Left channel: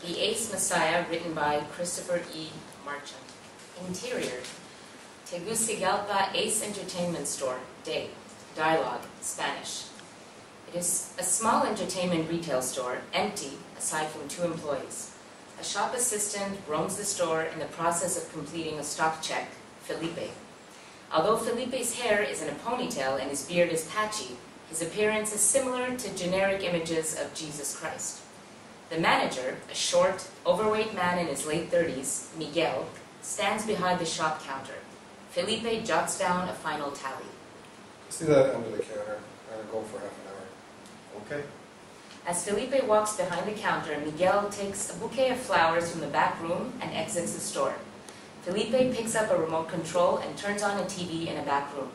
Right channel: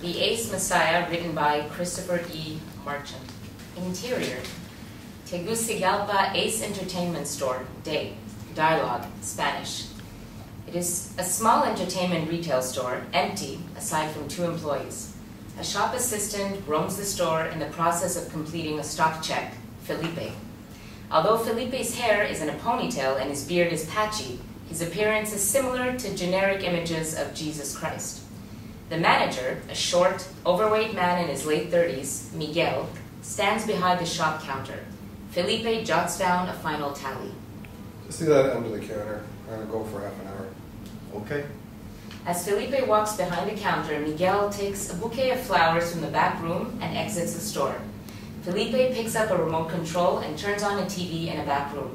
The Ace Messiah, written by Christopher E. Marchant. Interior. Tegucigalpa Ace Entertainment Store, day. Dialogue, Spanish. It is a small entertainment retail store, empty, aside from 2 employees. A shop assistant roams the store in the process of completing a stock check, Felipe. Although Felipe's hair is in a ponytail and his beard is patchy, his appearance is similar to generic images of Jesus Christ. The manager, a short, overweight man in his late 30s, Miguel, stands behind the shop counter. Felipe jots down a final tally. Just leave that under the counter. I'm going to go for half an hour. Okay. As Felipe walks behind the counter, Miguel takes a bouquet of flowers from the back room and exits the store. Felipe picks up a remote control and turns on a TV in a back room.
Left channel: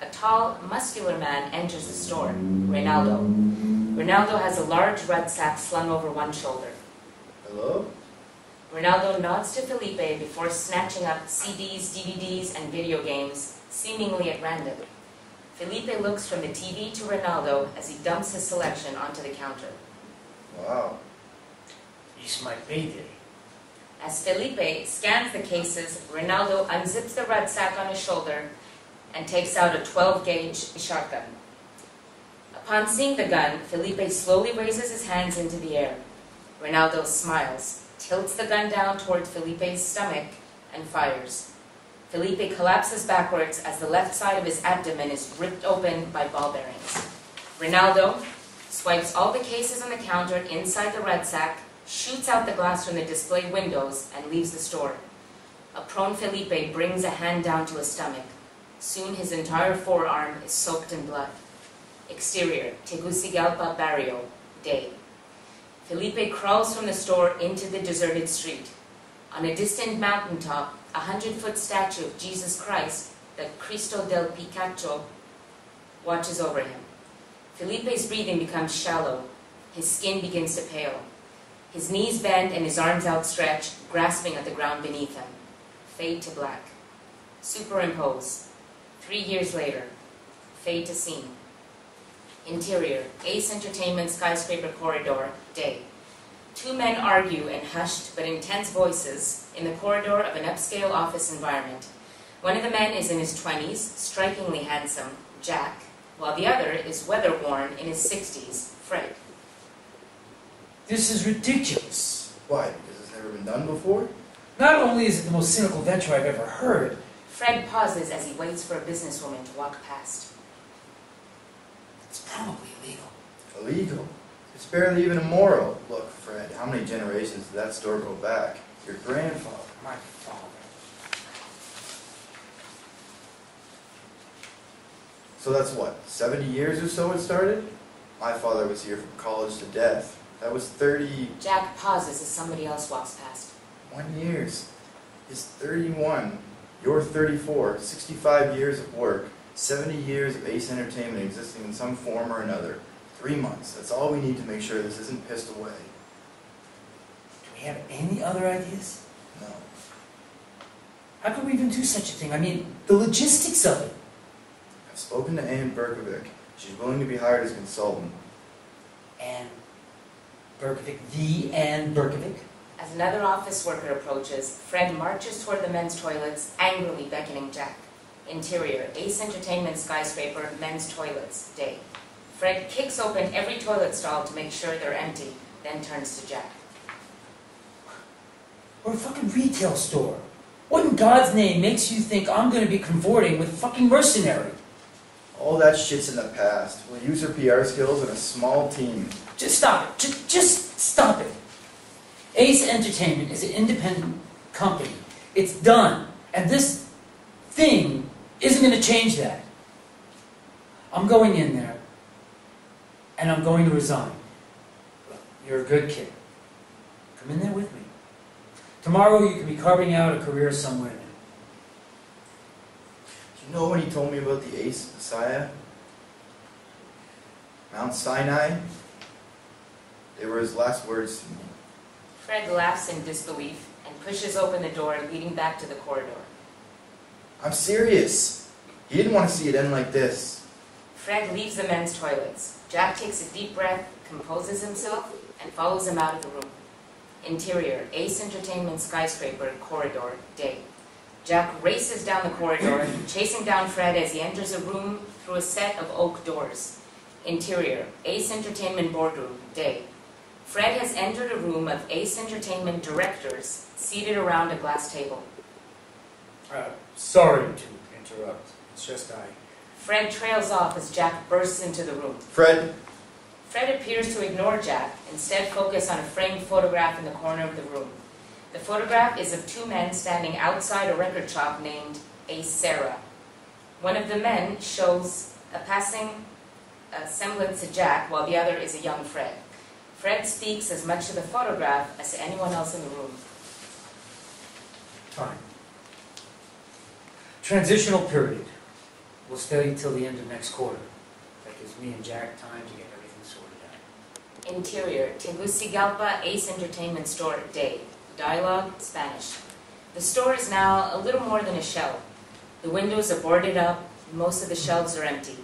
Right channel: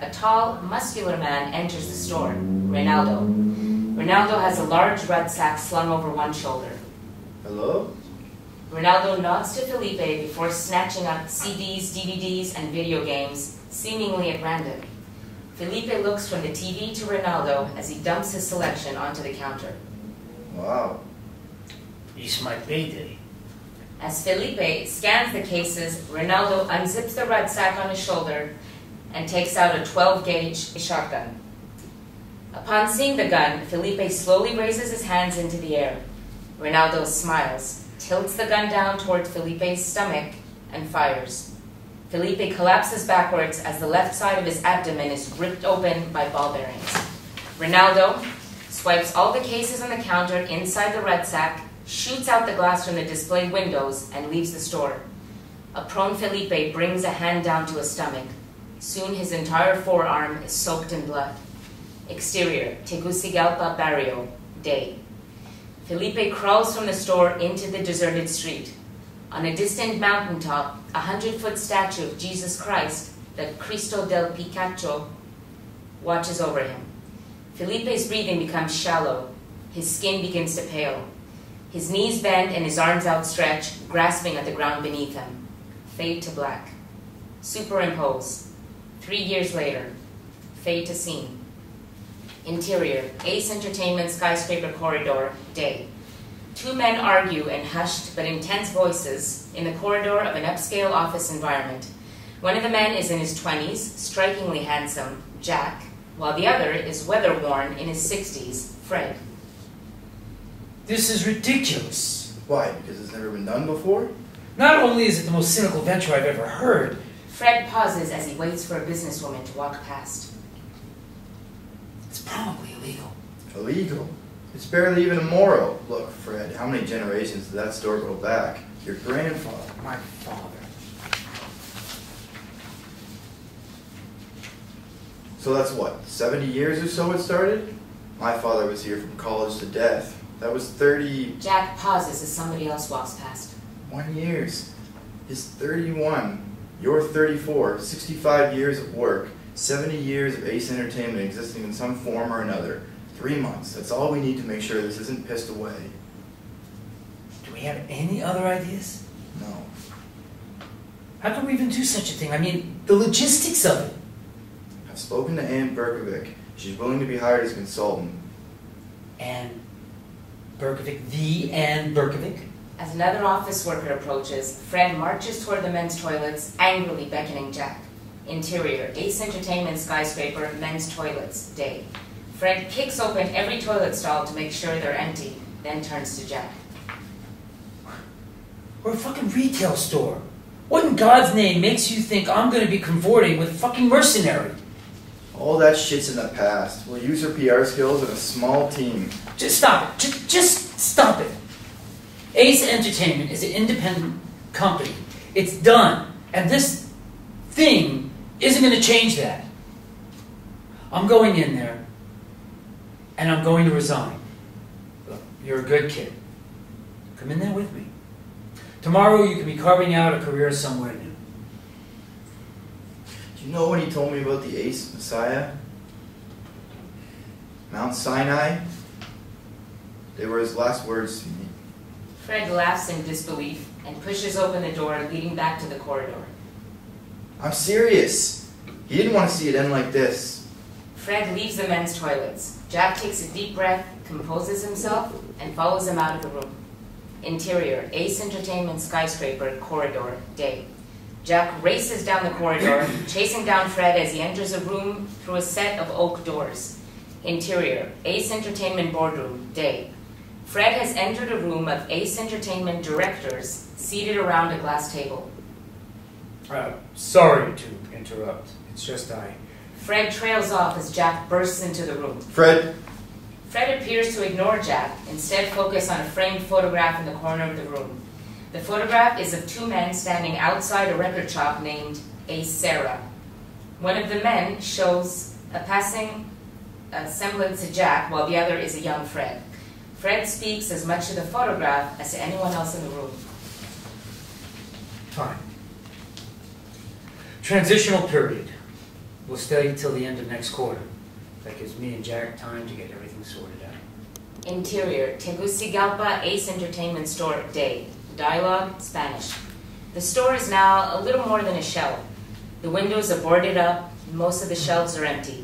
A tall, muscular man enters the store, Ronaldo. Ronaldo has a large rucksack slung over one shoulder. Hello? Ronaldo nods to Felipe before snatching up CDs, DVDs, and video games, seemingly at random. Felipe looks from the TV to Ronaldo as he dumps his selection onto the counter. Wow. It's my payday. As Felipe scans the cases, Ronaldo unzips the rucksack on his shoulder and takes out a 12-gauge shotgun. Upon seeing the gun, Felipe slowly raises his hands into the air. Ronaldo smiles, tilts the gun down toward Felipe's stomach, and fires. Felipe collapses backwards as the left side of his abdomen is ripped open by ball bearings. Ronaldo swipes all the cases on the counter inside the rucksack, shoots out the glass from the display windows, and leaves the store. A prone Felipe brings a hand down to his stomach. Soon his entire forearm is soaked in blood. Exterior, Tegucigalpa Barrio, day. Felipe crawls from the store into the deserted street. On a distant mountaintop, a 100-foot statue of Jesus Christ, the Cristo del Picacho, watches over him. Felipe's breathing becomes shallow. His skin begins to pale. His knees bend and his arms outstretch, grasping at the ground beneath him. Fade to black. Superimpose. 3 years later. Fade to scene. Interior, Ace Entertainment skyscraper corridor, day. 2 men argue in hushed but intense voices in the corridor of an upscale office environment. One of the men is in his 20s, strikingly handsome, Jack, while the other is weather-worn in his 60s, Fred. This is ridiculous. Why? Because it's never been done before? Not only is it the most cynical venture I've ever heard, Fred pauses as he waits for a businesswoman to walk past. it's probably illegal. Illegal? It's barely even immoral. Look, Fred, how many generations did that store go back? Your grandfather. My father. So that's what, 70 years or so it started? My father was here from college to death. That was 30... Jack pauses as somebody else walks past. 1 years. He's 31. You're 34. 65 years of work. 70 years of Ace Entertainment existing in some form or another. 3 months. That's all we need to make sure this isn't pissed away. Do we have any other ideas? No. How could we even do such a thing? I mean, the logistics of it. I've spoken to Ann Berkovic. She's willing to be hired as a consultant. Ann Berkovic, the Ann Berkovic? As another office worker approaches, Fred marches toward the men's toilets, angrily beckoning Jack. Interior, Ace Entertainment skyscraper, men's toilets, day. Fred kicks open every toilet stall to make sure they're empty, then turns to Jack. We're a fucking retail store. What in God's name makes you think I'm going to be cavorting with a fucking mercenary? All that shit's in the past. We'll use her PR skills and a small team. Just stop it. Just stop it. Ace Entertainment is an independent company. It's done. And this thing isn't going to change that. I'm going in there, and I'm going to resign. Look, you're a good kid. Come in there with me. Tomorrow you can be carving out a career somewhere new. Do you know when he told me about the Ace Messiah? Mount Sinai? They were his last words to me. Fred laughs in disbelief and pushes open the door leading back to the corridor. I'm serious. He didn't want to see it end like this. Fred leaves the men's toilets. Jack takes a deep breath, composes himself, and follows him out of the room. Interior, Ace Entertainment skyscraper, corridor, day. Jack races down the corridor, chasing down Fred as he enters a room through a set of oak doors. Interior, Ace Entertainment boardroom, day. Fred has entered a room of Ace Entertainment directors seated around a glass table. Sorry to interrupt. It's just Fred trails off as Jack bursts into the room. Fred? Fred appears to ignore Jack, instead focus on a framed photograph in the corner of the room. The photograph is of two men standing outside a record shop named Ace Sarah. One of the men shows a passing semblance to Jack, while the other is a young Fred. Fred speaks as much to the photograph as to anyone else in the room. Fine. Transitional period. We'll stay till the end of next quarter. That gives me and Jack time to get everything sorted out. Interior, Tegucigalpa Ace Entertainment Store, day. Dialogue, Spanish. The store is now a little more than a shell. The windows are boarded up, and most of the shelves are empty.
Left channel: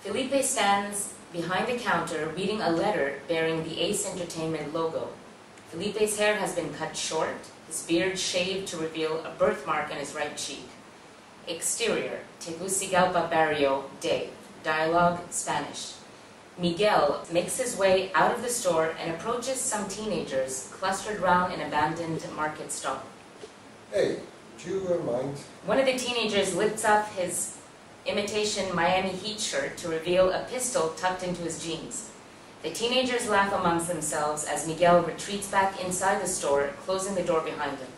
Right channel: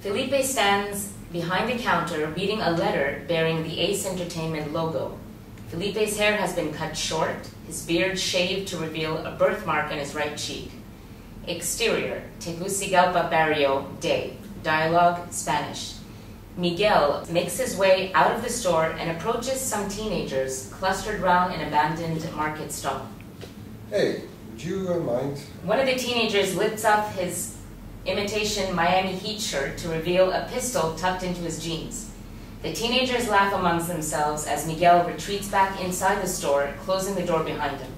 Felipe stands behind the counter reading a letter bearing the Ace Entertainment logo. Felipe's hair has been cut short, his beard shaved to reveal a birthmark on his right cheek. Exterior, Tegucigalpa Barrio, day. Dialogue, Spanish. Miguel makes his way out of the store and approaches some teenagers clustered around an abandoned market stall. Hey, would you mind? One of the teenagers lifts up his imitation Miami Heat shirt to reveal a pistol tucked into his jeans. The teenagers laugh amongst themselves as Miguel retreats back inside the store, closing the door behind him.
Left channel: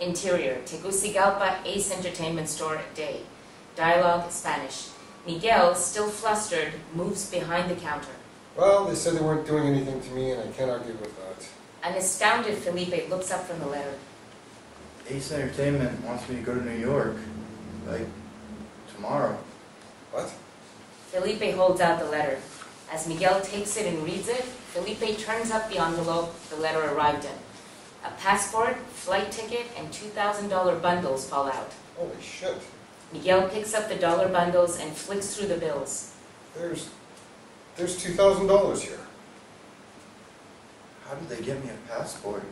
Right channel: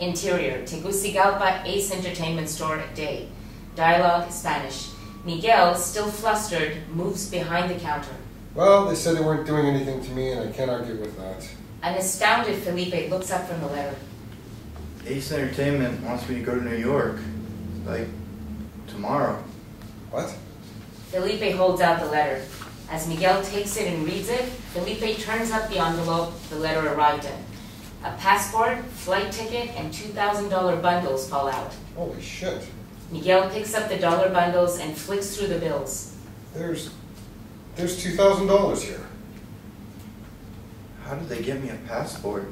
Interior, Tegucigalpa Ace Entertainment Store, day. Dialogue, Spanish. Miguel, still flustered, moves behind the counter. Well, they said they weren't doing anything to me, and I can't argue with that. An astounded Felipe looks up from the letter. Ace Entertainment wants me to go to New York. Like, tomorrow. What? Felipe holds out the letter. As Miguel takes it and reads it, Felipe turns up the envelope the letter arrived in. A passport, flight ticket, and $2,000 bundles fall out. Holy shit. Miguel picks up the dollar bundles and flicks through the bills. There's $2,000 here. How did they get me a passport?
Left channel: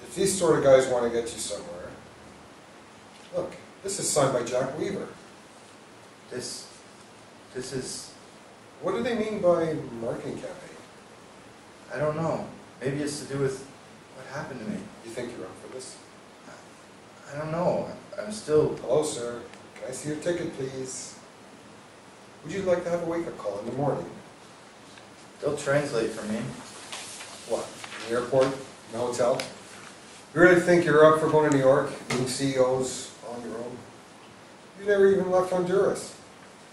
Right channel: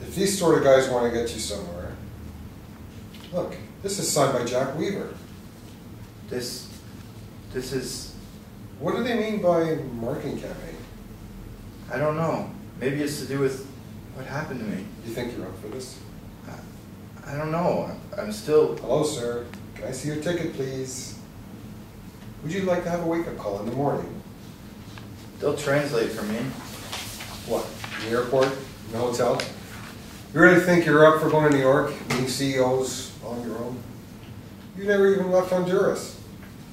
If these sort of guys want to get you somewhere... Look, this is signed by Jack Weaver. This is... What do they mean by marketing campaign? I don't know. Maybe it's to do with what happened to me. You think you're up for this? I don't know. I'm still... Hello, sir. Can I see your ticket, please? Would you like to have a wake-up call in the morning? They'll translate for me. What? In the airport? In the hotel? You really think you're up for going to New York, meeting CEOs on your own? You never even left Honduras.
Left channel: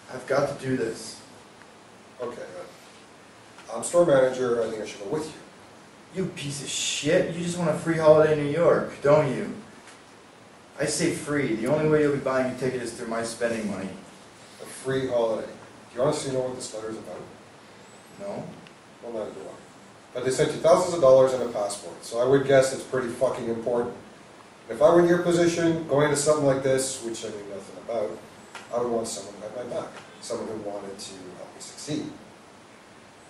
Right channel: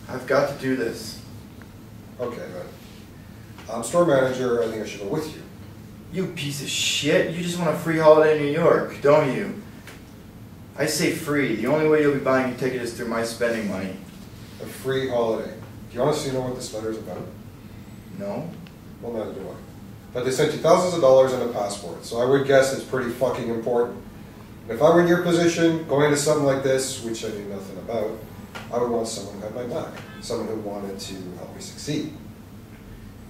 I've got to do this. Okay, but I'm store manager. I think I should go with you. You piece of shit. You just want a free holiday in New York, don't you? I say free. The only way you'll be buying a ticket is through my spending money. A free holiday. Do you honestly know what this letter is about? No? Well, neither do I. But they sent you thousands of dollars and a passport, so I would guess it's pretty fucking important. And if I were in your position, going into something like this, which I knew nothing about, I would want someone who had my back. Someone who wanted to help me succeed.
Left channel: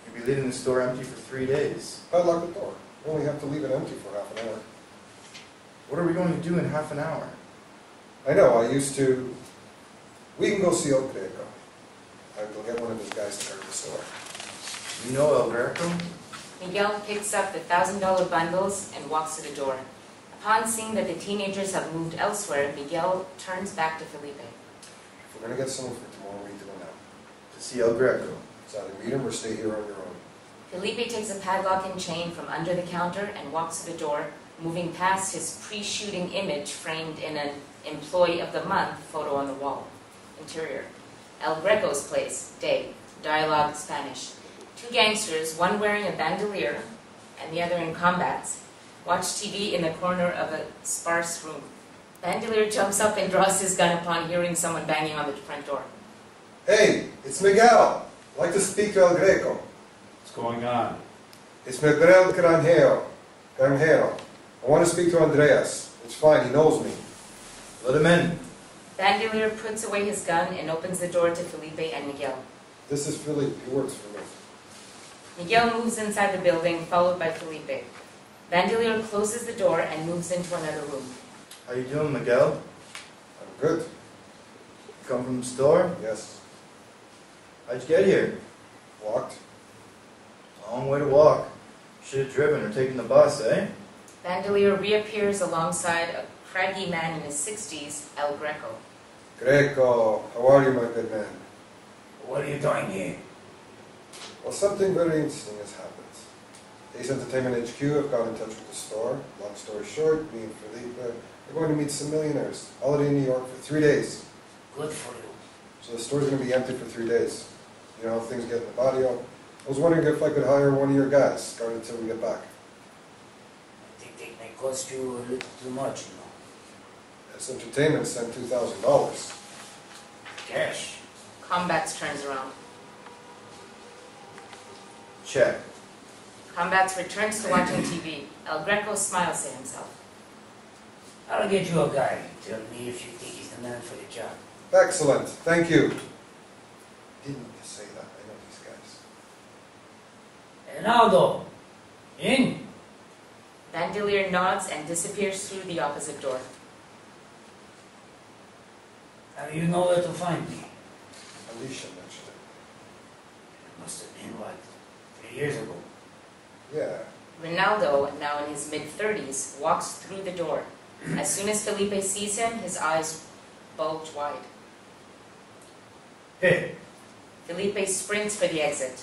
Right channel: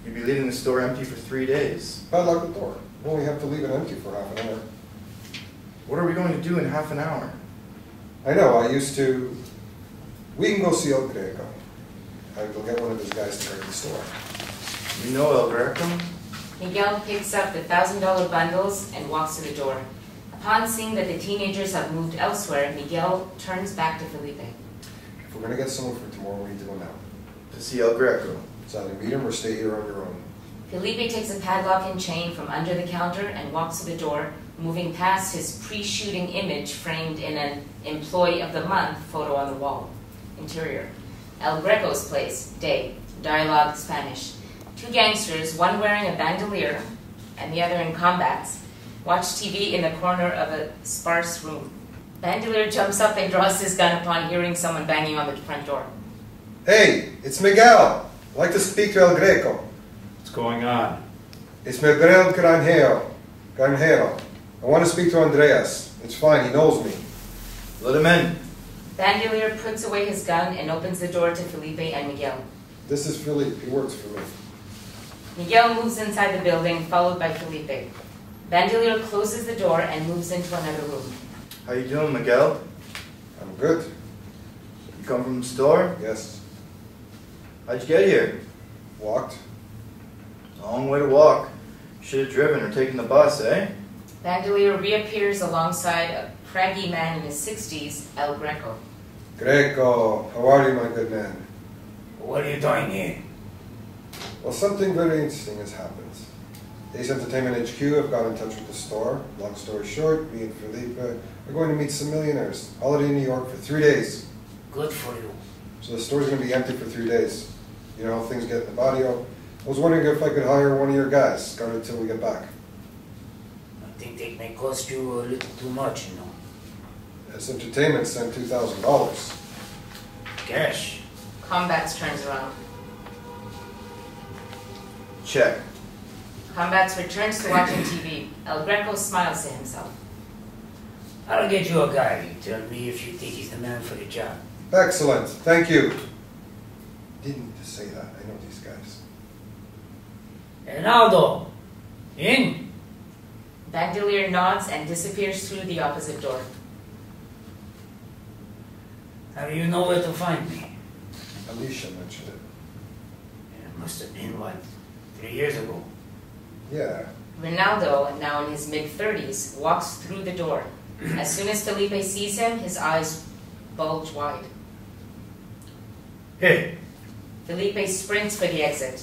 You'd be leaving the store empty for 3 days. I'd lock the door. You only have to leave it empty for half an hour. What are we going to do in half an hour? I know, I used to... We can go see El Greco. I will get one of his guys to guard the store. You know El Greco? Miguel picks up the $1,000 bundles and walks to the door. Upon seeing that the teenagers have moved elsewhere, Miguel turns back to Felipe. If we're going to get someone for tomorrow, we need to go now. To see El Greco. It's either meet him or stay here on your own. Felipe takes a padlock and chain from under the counter and walks to the door, moving past his pre-shooting image framed in an Employee of the Month photo on the wall. Interior. El Greco's place, day. Dialogue, Spanish. Two gangsters, one wearing a bandolier and the other in combats, watch TV in the corner of a sparse room. Bandolier jumps up and draws his gun upon hearing someone banging on the front door. Hey, it's Miguel. I'd like to speak to El Greco. What's going on? It's Miguel Granjero. I want to speak to Andreas. It's fine, he knows me. Let him in. Bandolier puts away his gun and opens the door to Felipe and Miguel. This is Felipe. He works for me. Miguel moves inside the building, followed by Felipe. Bandelier closes the door and moves into another room. How you doing, Miguel? I'm good. You come from the store? Yes. How'd you get here? Walked. Long way to walk. Should have driven or taken the bus, eh? Bandelier reappears alongside a craggy man in his 60s, El Greco. Greco, how are you, my good man? What are you doing here? Well, something very interesting has happened. Ace Entertainment HQ have got in touch with the store. Long story short, me and Felipe are going to meet some millionaires. Holiday in New York for 3 days. Good for you. So the store's going to be empty for 3 days. You know how things get in the barrio. I was wondering if I could hire one of your guys, guard until we get back. I think they may cost you a little too much, you know. Ace Entertainment sent $2,000. Cash. Combats turns around. Check. Combats returns to watching TV. El Greco smiles to himself. I'll get you a guy. You tell me if you think he's the man for the job. Excellent, thank you. Didn't need to say that, I know these guys. Ronaldo, in? Bandelier nods and disappears through the opposite door. How do you know where to find me? Alicia mentioned it. It must have been, what, 3 years ago? Yeah. Ronaldo, now in his mid-30s, walks through the door. As soon as Felipe sees him, his eyes bulge wide. Hey, Felipe sprints for the exit.